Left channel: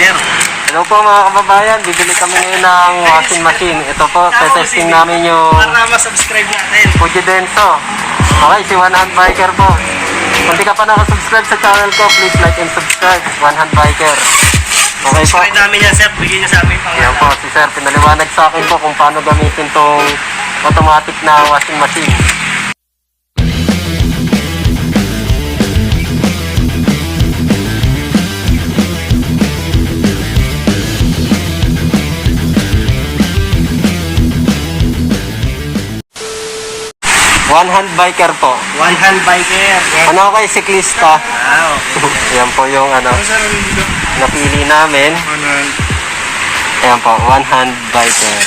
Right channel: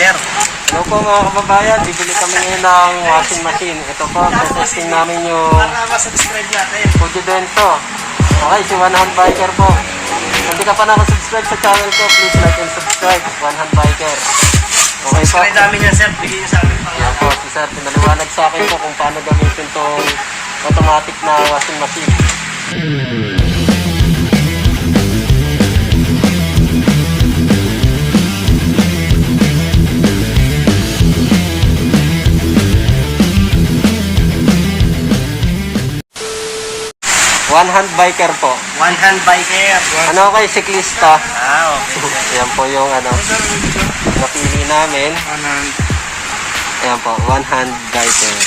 sir. Hello po mga kababayan, bibili kami ngayon ng washing machine. Ito po, testing namin yung Para ma-subscribe natin. Fuji Denso. Okay, si One Hand Biker po. Kung di ka pa nakasubscribe sa channel ko, please like and subscribe. One Hand Biker. Okay po. Kaya dami niya, sir. Bigyan niyo sa amin Yan po, si Sir, pinaliwanag sa akin po kung paano gamitin tong automatic na washing machine. One Hand Biker po. One Hand Biker. Ano kay siklista? Wow. Yan po yung napili namin. Ayan po, One Hand Biker.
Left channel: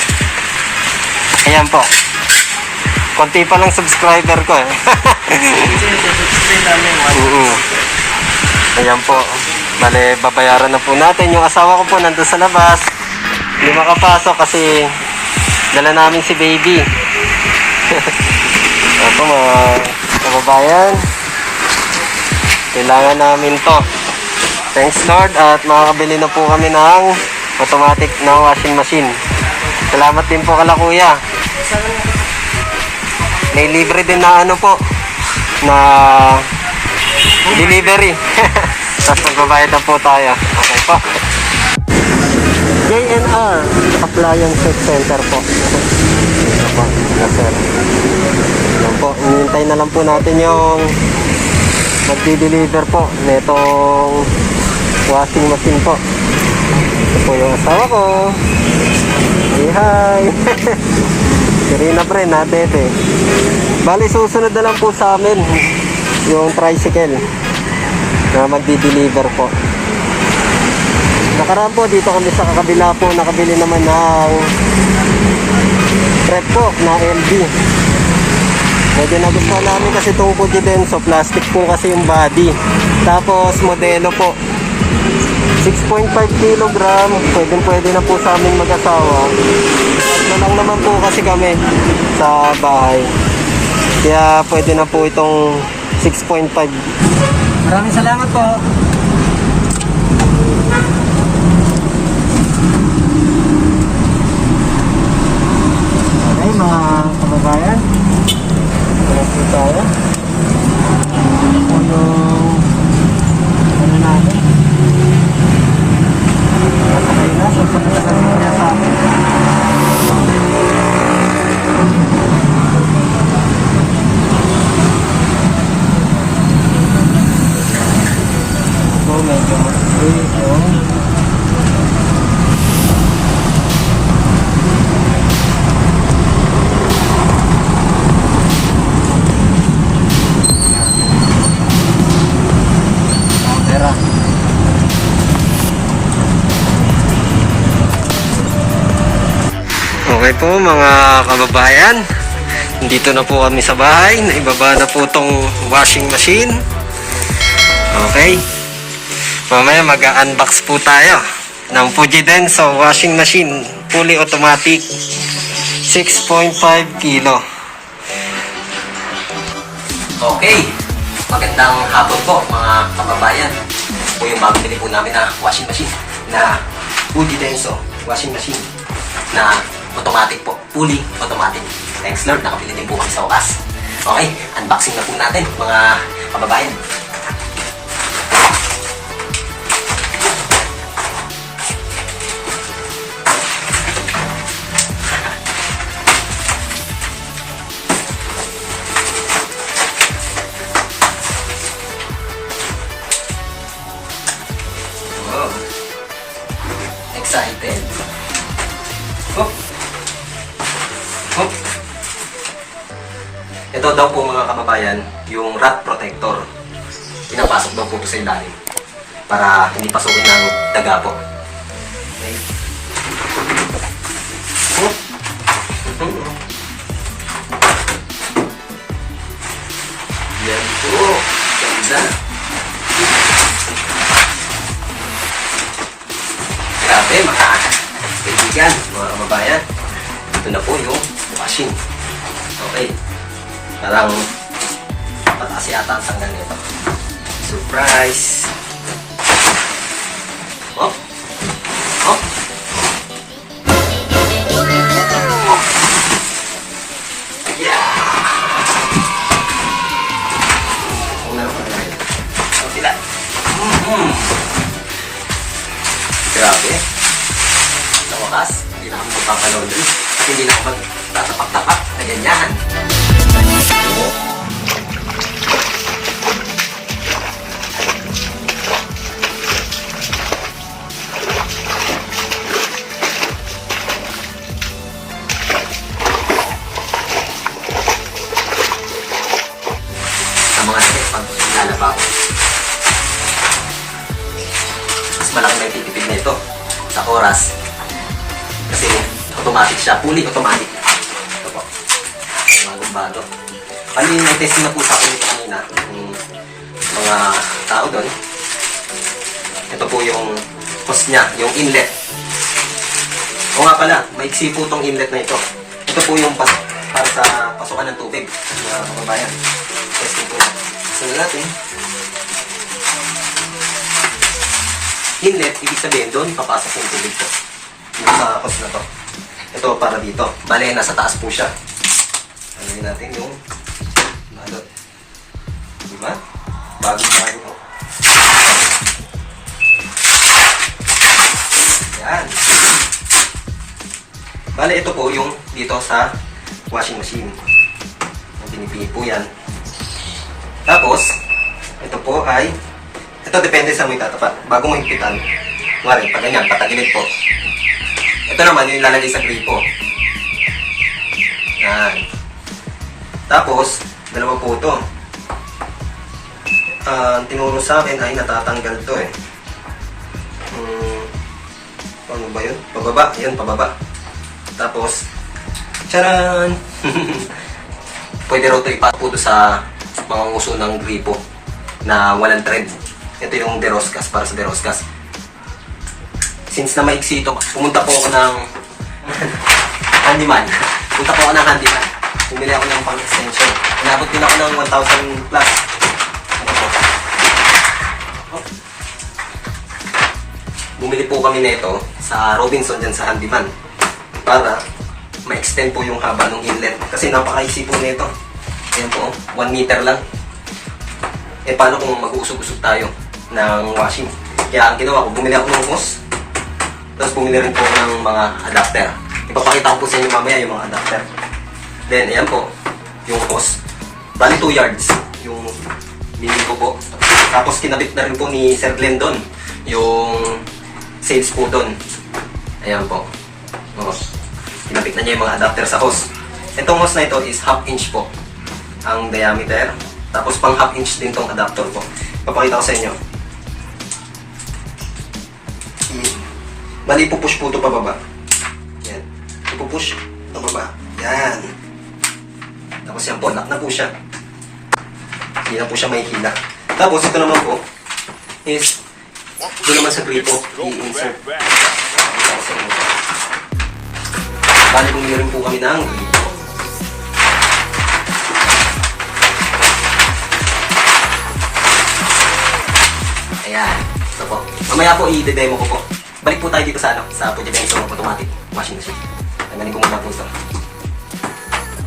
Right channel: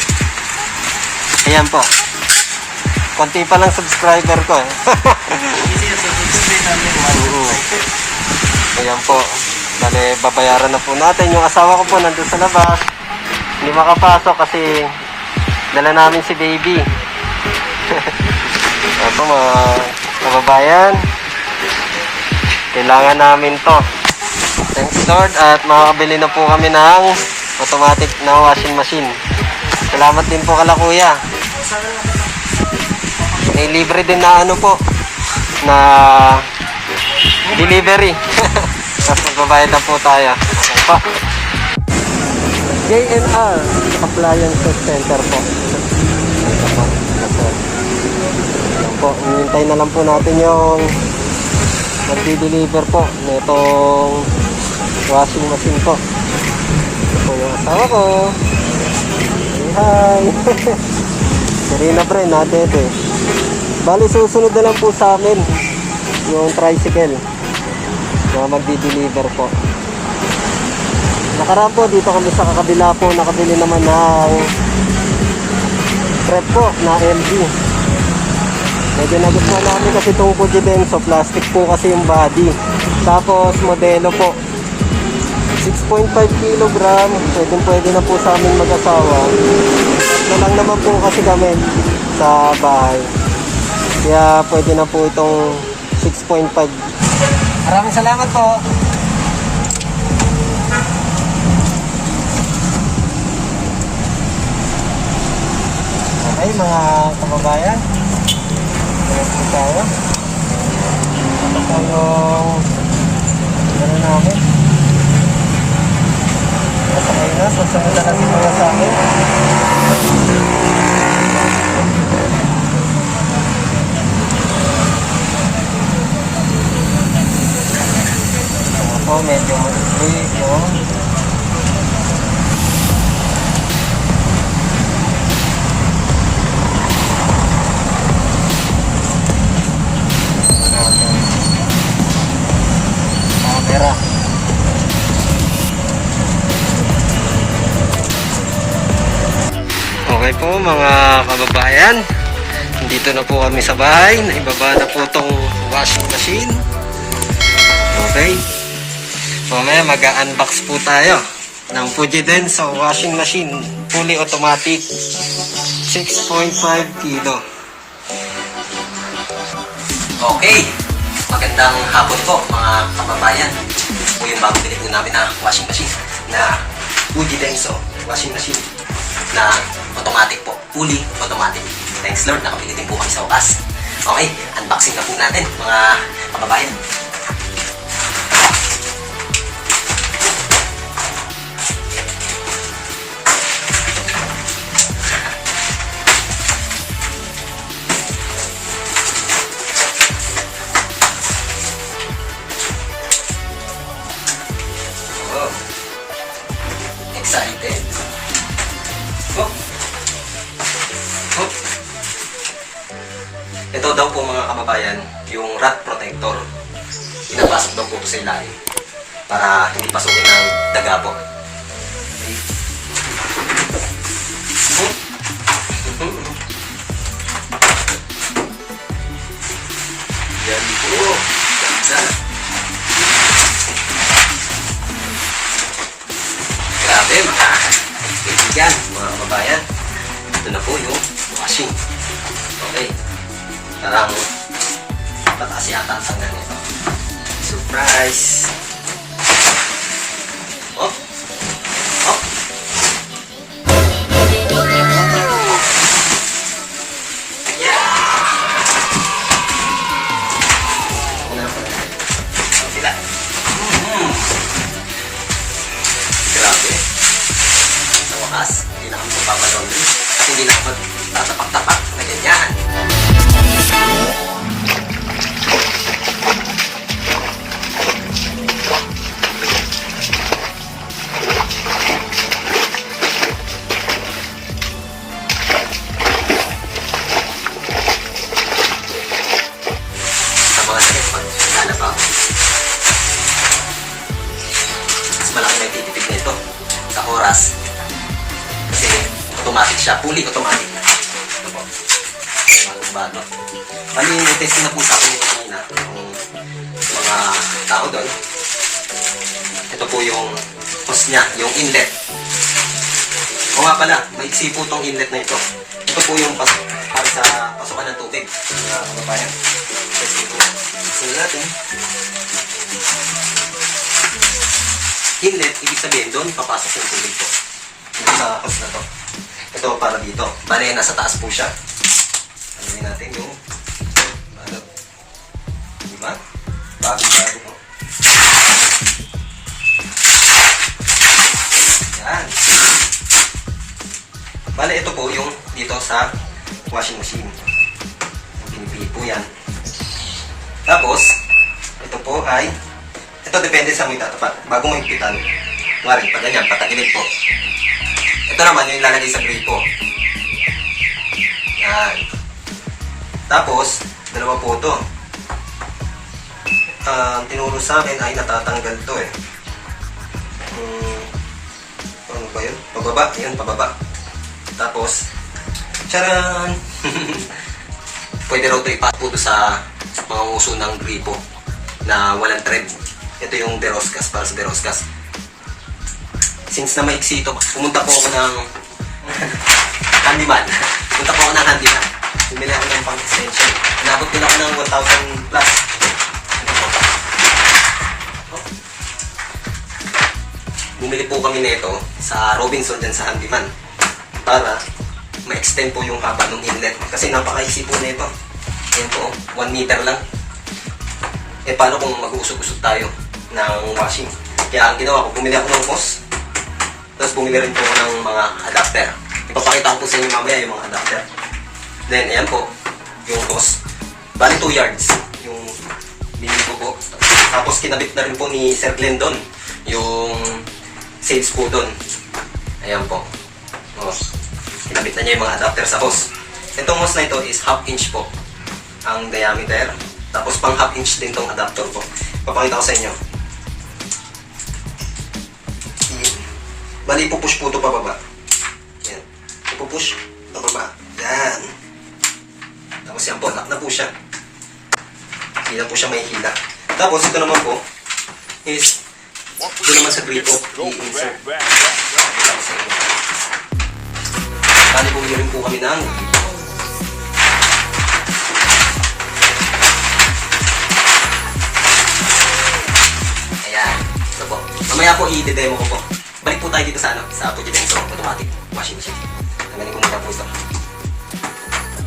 Ayan po. Konti pa lang subscriber ko eh. Ayan po. Bale, babayaran na po natin. Yung asawa ko po nandun sa labas. Hindi makapasok kasi dala namin si baby. Ito mga kababayan. Kailangan namin to. Thanks Lord at makakabili na po kami ng automatic na washing machine. Salamat din po kala kuya. May libre din na ano po na delivery. Tapos magbabayad na po tayo. Okay po. JNR Appliances Center po. Ito po. Sir. Yan po. Hinihintay na lang po natin yung magdi-deliver po netong washing machine po. Ito po yung asawa ko. Hey, hi. Serena Bren, natete. Bali, susunod na lang po sa amin yung tricycle na magdi-deliver po. Nakaraan po, dito kami sa kakabila po, nakabili naman ng prep po na LG. Medyo nagustuhan namin kasi itong Fuji Denso, plastic po kasi yung body. Tapos modelo po 6.5 kg, pwede na po sa aming mag-asawa. Tatlo lang naman po kasi kami sa bahay, kaya pwede na po itong 6.5. Maraming salamat po. Okay mga kababayan, ito po tayo. Ito yung ano namin. Masakay na, susunod na lang kaya sa akin. Ako medyo mag-break yung camera. Okay po mga kababayan, dito na po kami sa bahay. Naibaba na po tong washing machine. Okay, mamaya mag-unbox po tayo ng Fuji Denso washing machine, fully automatic, 6.5 kilo. Okay, magandang hapon po mga kababayan. Po yung bago pinili po namin na washing machine na Fuji Denso washing machine na automatic po, fully automatic. Thanks Lord, nakapili din po kami sa wakas. Okay, unboxing na po natin mga kababayan. Wow, excited. Oh. Oh. Ito daw po mga kababayan, yung rat protector. Pinapasok daw po ito sa ilalim para hindi pasukin ng daga po. Okay. Oh. Yan po. Ganda. Grabe mga kaibigan, mga kababayan. Ito na po yung washing. Okay. Tarang pataas yata ang sanggan nito. Surprise! Oh, Grabe. Sa wakas, hindi na kami magpapalaundry. At hindi na kami magtatapak-tapak na ganyan. Sa mga sakit, pag lalaba ako, mas malaki na yung titipid na ito sa oras. Kasi automatic siya, fully automatic. Ito po. Bago-bago. Bali yung test na po sa akin ito kanina, yung mga tao doon. Ito po yung hose niya, yung inlet. O nga pala, maiksi po itong inlet na ito. Ito po yung para sa pasukan ng tubig, mga kababayan. Testing po. Tingnan natin. Inlet, ibig sabihin doon, papasok yung tubig po. Dito sa hose na to. Ito para dito. Bale, nasa taas po siya. Alawin natin yung balot. Diba? Bago-bago po. Yan. Bale, ito po yung dito sa washing machine. Yung pinipili po yan. Tapos, ito po ay, ito depende sa may tatapat. Bago mo higpitan, mari, pag ganyan, patagilid po. Ito naman yung ilalagay sa gripo. Yan. Tapos, dalawa po ito. Ang tinuro sa akin ay natatanggal to eh. Ano ba yun? Pababa. Yun, pababa. Tapos, charan! Pwede raw ito ipaputo sa mga uso ng gripo na walang thread. Ito yung deroscas, para sa deroscas. Since na maiksi ito, pumunta po ako ng handyman. Pumunta po ako ng handyman. Bumili ako ng pang-extension. Inabot din ako ng 1,000 plus. Ito po. Oh. Bumili po kami nito sa Robinson dyan sa handyman. Para ma-extend po yung haba ng inlet. Kasi napaka-easy po nito. Ayan po, 1 meter lang. Eh paano kung mag-uusog-usog tayo ng washing? Kaya ang ginawa ko, bumili ako ng hose. Tapos bumili rin po ako ng mga adapter. Ipapakita ko po sa inyo mamaya yung mga adapter. Then, ayan po, yung hose. Bali 2 yards yung binili ko po. Tapos kinabit na rin po ni Sir Glenn doon. Yung sales po doon. Ayan po. O, kinabit na niya yung mga adapter sa hose. Itong hose na ito is 1/2 inch po ang diameter. Tapos pang 1/2 inch din tong adapter po. Papakita ko sa inyo. Bali, pupush po ito pababa. Yan. Ipupush pababa. Yan. Tapos yan po, lock na po siya. Hindi na po siya may hila. Tapos ito naman po is doon naman sa gripo i-insert. Pakita ko sa inyo. Bali, bumili rin po kami ng gripo. Ayan. Ito po. Mamaya po i-demo ko po. Balik po tayo dito sa Pujidenso automatic washing machine. Tanggalin ko muna po ito.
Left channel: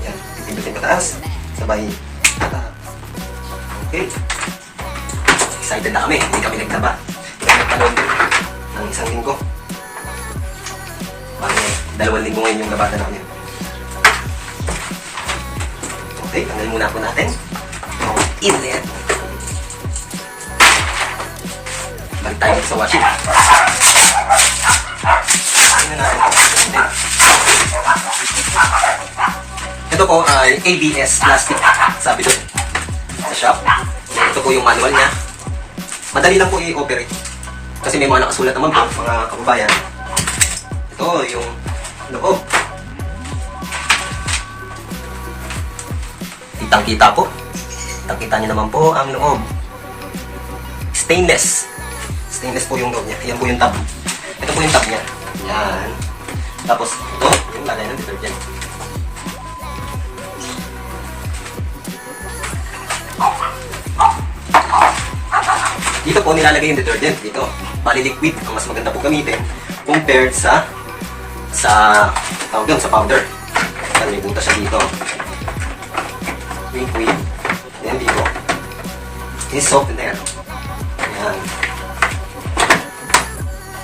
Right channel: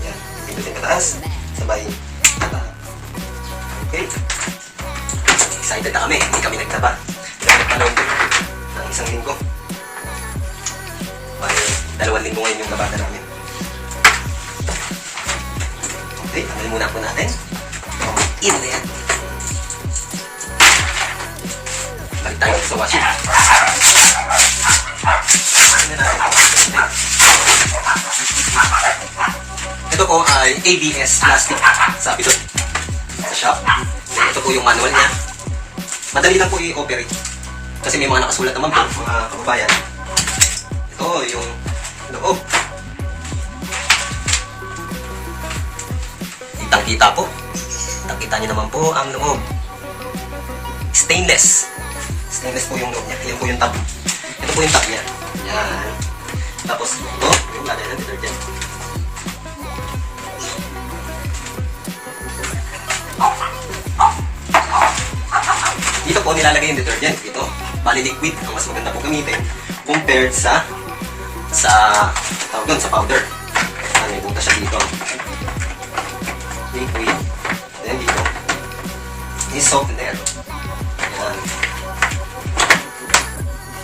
Ayan. Pindutin pataas. Sabay. Okay. Excited na kami. Hindi kami nagtaba. Hindi kami nagpanood ng 1 linggo. Bali, 2 linggo ngayon yung nabata namin. Okay. Tanggalin muna po natin. Inlet. Balik tayo sa washing. Ito po ay ABS plastic. Sabi doon sa shop. Ito po yung manual niya. Madali lang po i-operate. Kasi may mga nakasulat naman po, mga kababayan. Ito yung loob. Kitang-kita po. Kitang-kita nyo naman po ang loob. Stainless. Stainless po yung loob niya. Ayan po yung top. Ito po yung top niya. Yan. Tapos, ito, yung lagay ng detergent. Dito po nilalagay yung detergent. Dito, bali liquid. Ang mas maganda po gamitin compared sa tawag dun, sa powder. May butas siya dito. Liquid. Then dito is softener. Yan.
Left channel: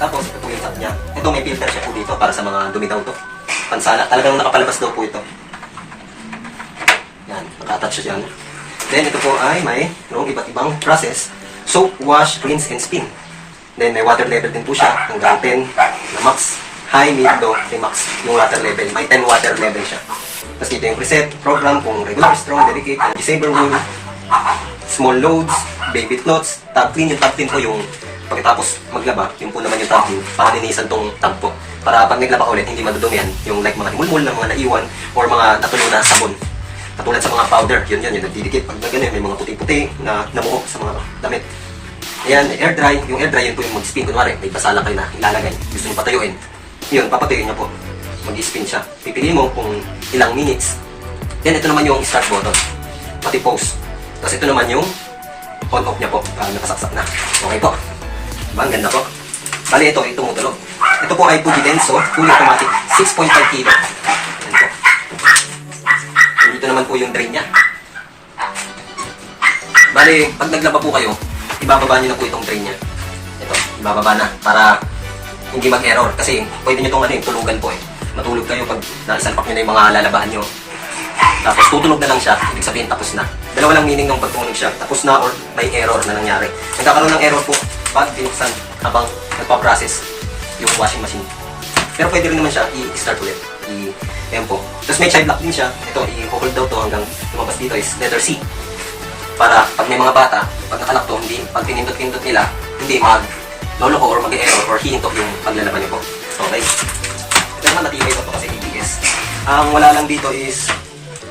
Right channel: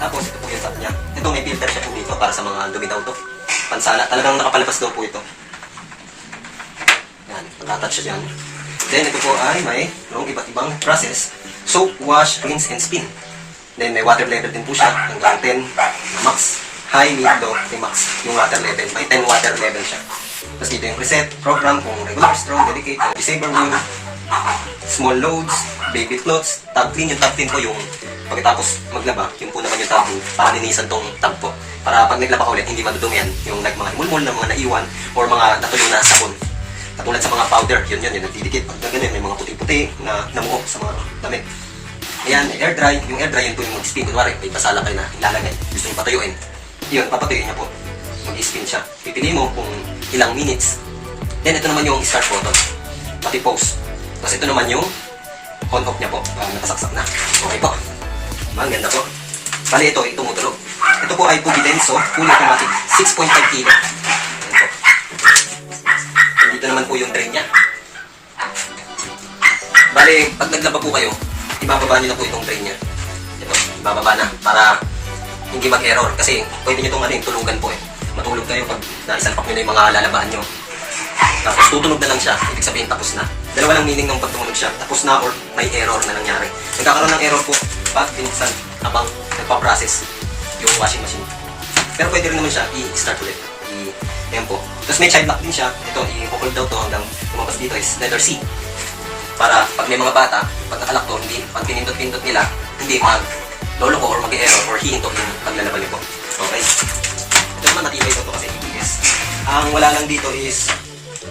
Tapos, ito po yung top niya. Ito, may filter siya po dito para sa mga dumi daw to. Pansala. Talagang nakapalabas daw po ito. Yan, naka-attach siya dyan. Then, ito po ay may iba't ibang process. Soap, wash, rinse, and spin. Then, may water level din po siya. Hanggang 10 na max. High, mid, low, may max. Yung water level. May 10 water level siya. Tapos dito yung preset, program kung regular, strong, delicate, energy-saver wound, small loads, baby cloths, tab clean. Yung tab clean po yung pagkatapos maglaba, yun po naman yung tab clean para linisan tong tab po. Para pag naglaba ka ulit, hindi madudumi yan. Yung like mga himulmul na mga naiwan or mga natuloy na sabon. Katulad sa mga powder, yun yung nagdidikit. Pag ganyan, may mga puti-puti na namuo sa mga damit. Ayan, air dry. Yung air dry, yun po yung mag-spin. Kunwari, may basala kayo na ilalagay. Gusto nyo patuyuin. Yun, papatuyuin niya po. Mag-spin siya. Pipili mo kung ilang minutes. Then, ito naman yung start button. Pati pause. Tapos ito naman yung on-off niya po. Nakasaksak na. Okay po. Diba? Ang ganda po. Bali, ito tumutulog. Ito po ay fully denso, fully automatic. 6.5 kilo. Ayan po. Dito naman po yung drain niya. Bali, pag naglaba po kayo, ibababa niyo na po itong drain niya. Ito, ibababa na para hindi mag-error. Kasi pwede niyo itong tulugan po eh. Matulog kayo pag naisalpak niyo na yung mga lalabahan niyo. Tapos tutunog na lang siya. Ibig sabihin tapos na. Dalawa lang meaning ng pagtumunog siya. Tapos na or may error na nangyari. Nagkakaroon ng error po pag binuksan habang nagpa-process yung washing machine. Pero pwede rin naman siya i-start ulit. Ayan po. Tapos may child lock din siya. Ito, i-hold daw to hanggang lumabas dito is letter C. Para pag may mga bata, pag nakalock to, hindi, pag pinindot-pindot nila, hindi mag-loloko or mag-error or hihinto yung paglalaban niyo po. Okay. Ito naman natibay ito kasi ABS. Ang wala lang dito is,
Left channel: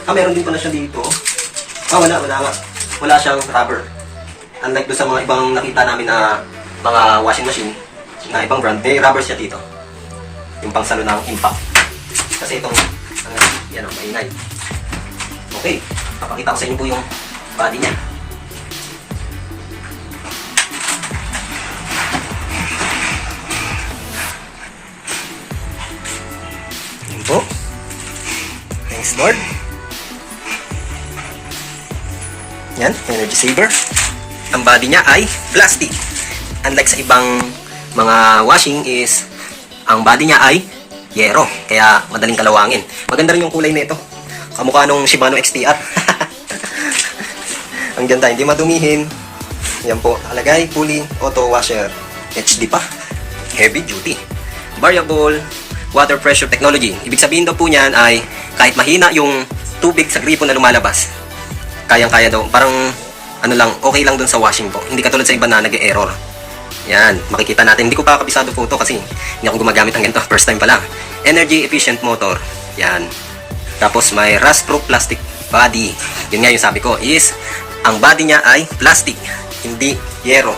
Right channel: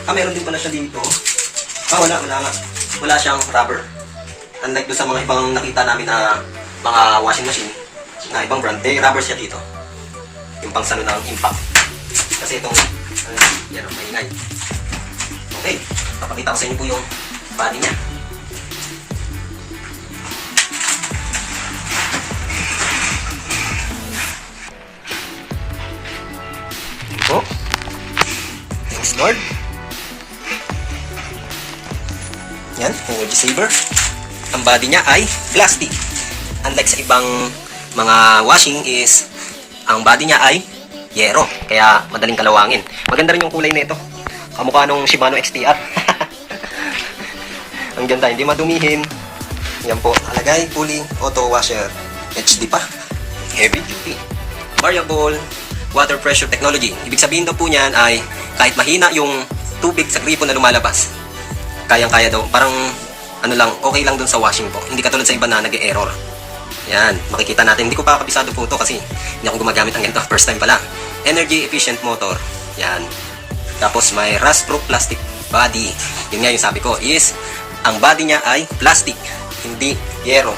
meron din pala siya dito. Wala nga. Wala siyang rubber. Unlike doon sa mga ibang nakita namin na mga washing machine na ibang brand, may rubber siya dito. Yung pangsalo ng impact. Kasi itong, yan ang maingay. Okay, papakita ko sa inyo po yung body niya. Yan po. Thanks Lord. Yan, energy saver. Ang body niya ay plastic. Unlike sa ibang mga washing is, ang body niya ay yero. Kaya madaling kalawangin. Maganda rin yung kulay nito. Kamukha nung Shimano XTR. Ang ganda, hindi madumihin. Yan po, alagay, fully auto washer. HD pa. Heavy duty. Variable water pressure technology. Ibig sabihin daw po niyan ay kahit mahina yung tubig sa gripo na lumalabas, kayang-kaya daw. Parang ano lang, okay lang dun sa washing po. Hindi katulad sa iba na nag-error. Yan, makikita natin. Hindi ko pa kabisado po ito kasi hindi ako gumagamit ng ganito. First time pa lang. Energy efficient motor. Yan. Tapos may rust-proof plastic body. Yun nga yung sabi ko is, ang body niya ay plastic, hindi yero.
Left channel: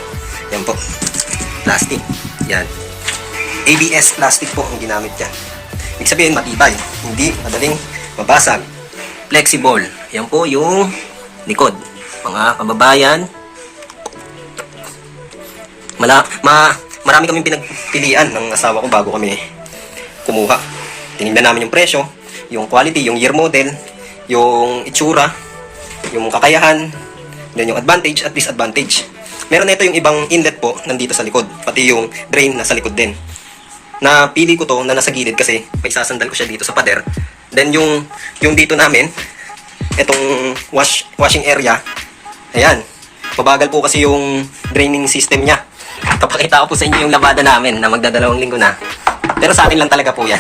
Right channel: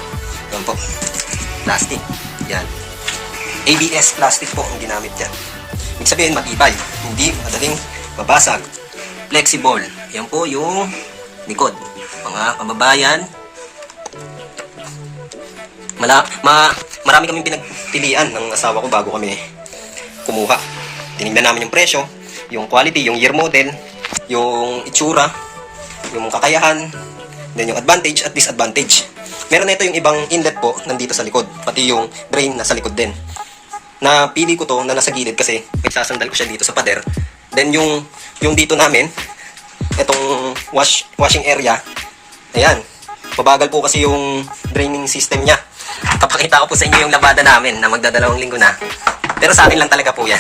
Yan po. Plastic. Yan. ABS plastic po ang ginamit yan. Ibig sabihin matibay. Hindi madaling mabasag. Flexible. Yan po yung likod. Mga kababayan, marami kaming pinagpilian ng asawa ko bago kami kumuha. Tinignan namin yung presyo, yung quality, yung year model, yung itsura, yung kakayahan, then yung advantage at disadvantage. Meron na ito yung ibang inlet po nandito sa likod, pati yung drain nasa likod din. Napili ko to na nasa gilid kasi may sasandal ko siya dito sa pader. Then yung dito namin, itong washing area, ayan, mabagal po kasi yung draining system niya. Papakita ko po sa inyo yung labada namin na magdadalawang linggo na. Pero sa akin lang talaga po yan.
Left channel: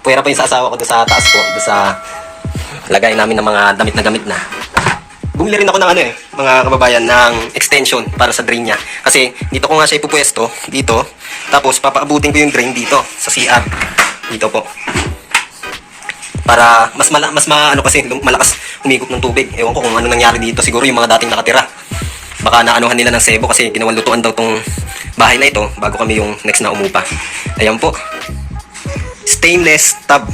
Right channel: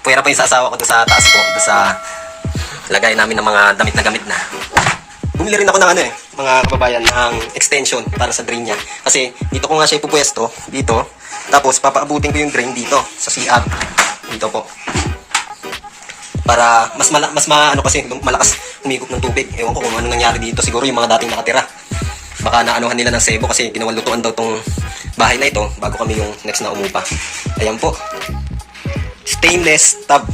Pwera pa yung sa asawa ko doon sa taas po, doon sa lagay namin ng mga damit na gamit na. Bumili rin ako ng mga kababayan, ng extension para sa drain niya. Kasi dito ko nga siya ipupwesto, dito. Tapos papaabutin ko yung drain dito, sa CR. Dito po. Para mas kasi malakas umigop ng tubig. Ewan ko kung ano nangyari dito. Siguro yung mga dating nakatira. Baka naanuhan nila ng sebo kasi ginawang lutuan daw tong bahay na ito bago kami yung next na umupa. Ayan po. Stainless tub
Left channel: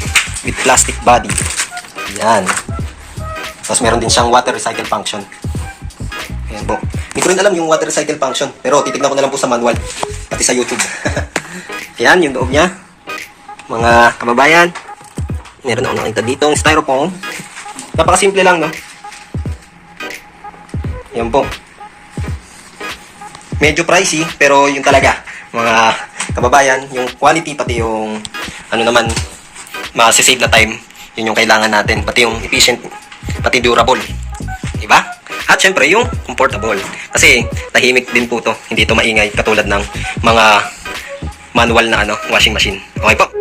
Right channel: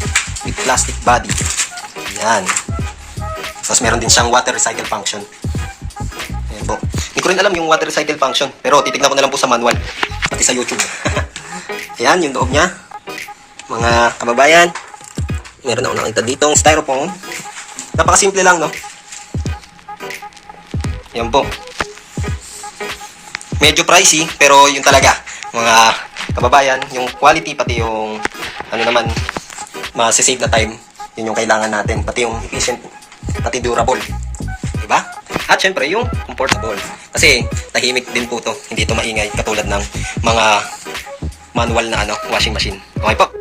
with plastic body. Yan. Tapos meron din siyang water recycle function. Ayan po. Hindi ko rin alam yung water recycle function. Pero titignan ko na lang po sa manual. Pati sa YouTube. Ayan, yung loob niya. Mga kababayan. Meron ako nakita ditong styrofoam. Napakasimple lang, no? Ayan po. Medyo pricey, pero yun talaga. Mga kababayan, yung quality pati yung ano naman, masisave na time, yun yung kailangan natin. Pati yung efficient, pati durable. Diba? At syempre, yung comfortable. Kasi tahimik din po to. Hindi to maingay katulad ng mga manual na washing machine. Okay po?